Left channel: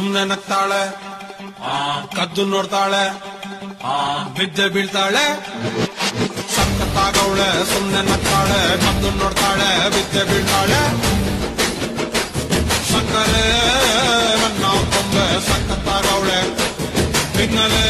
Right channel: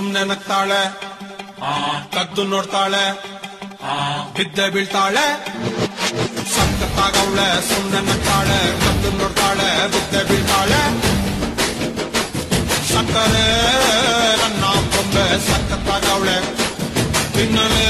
ಸುಮ್ನೆ ನಗ್ತಾಳೆ, ಕದ್ದು ನೋಡ್ತಾಳೆ, ಬಿದ್ದೆ ಬೀಳ್ತಾಳೆ. ಸಕ್ಕತ್ತಾಗವಳೆ, ಸುಮ್ನೆ ನಗ್ತಾಳೆ, ಕದ್ದು ನೋಡ್ತಾಳೆ, ಬಿದ್ದೆ ಬೀಳ್ತಾಳೆ. ಸಕ್ಕರೆ ನನ್ನ ಕೊಂದ್ರೆ ಸಕ್ಕತ್ತಾಗವಳೆ, ತಿನ್ನಲೇ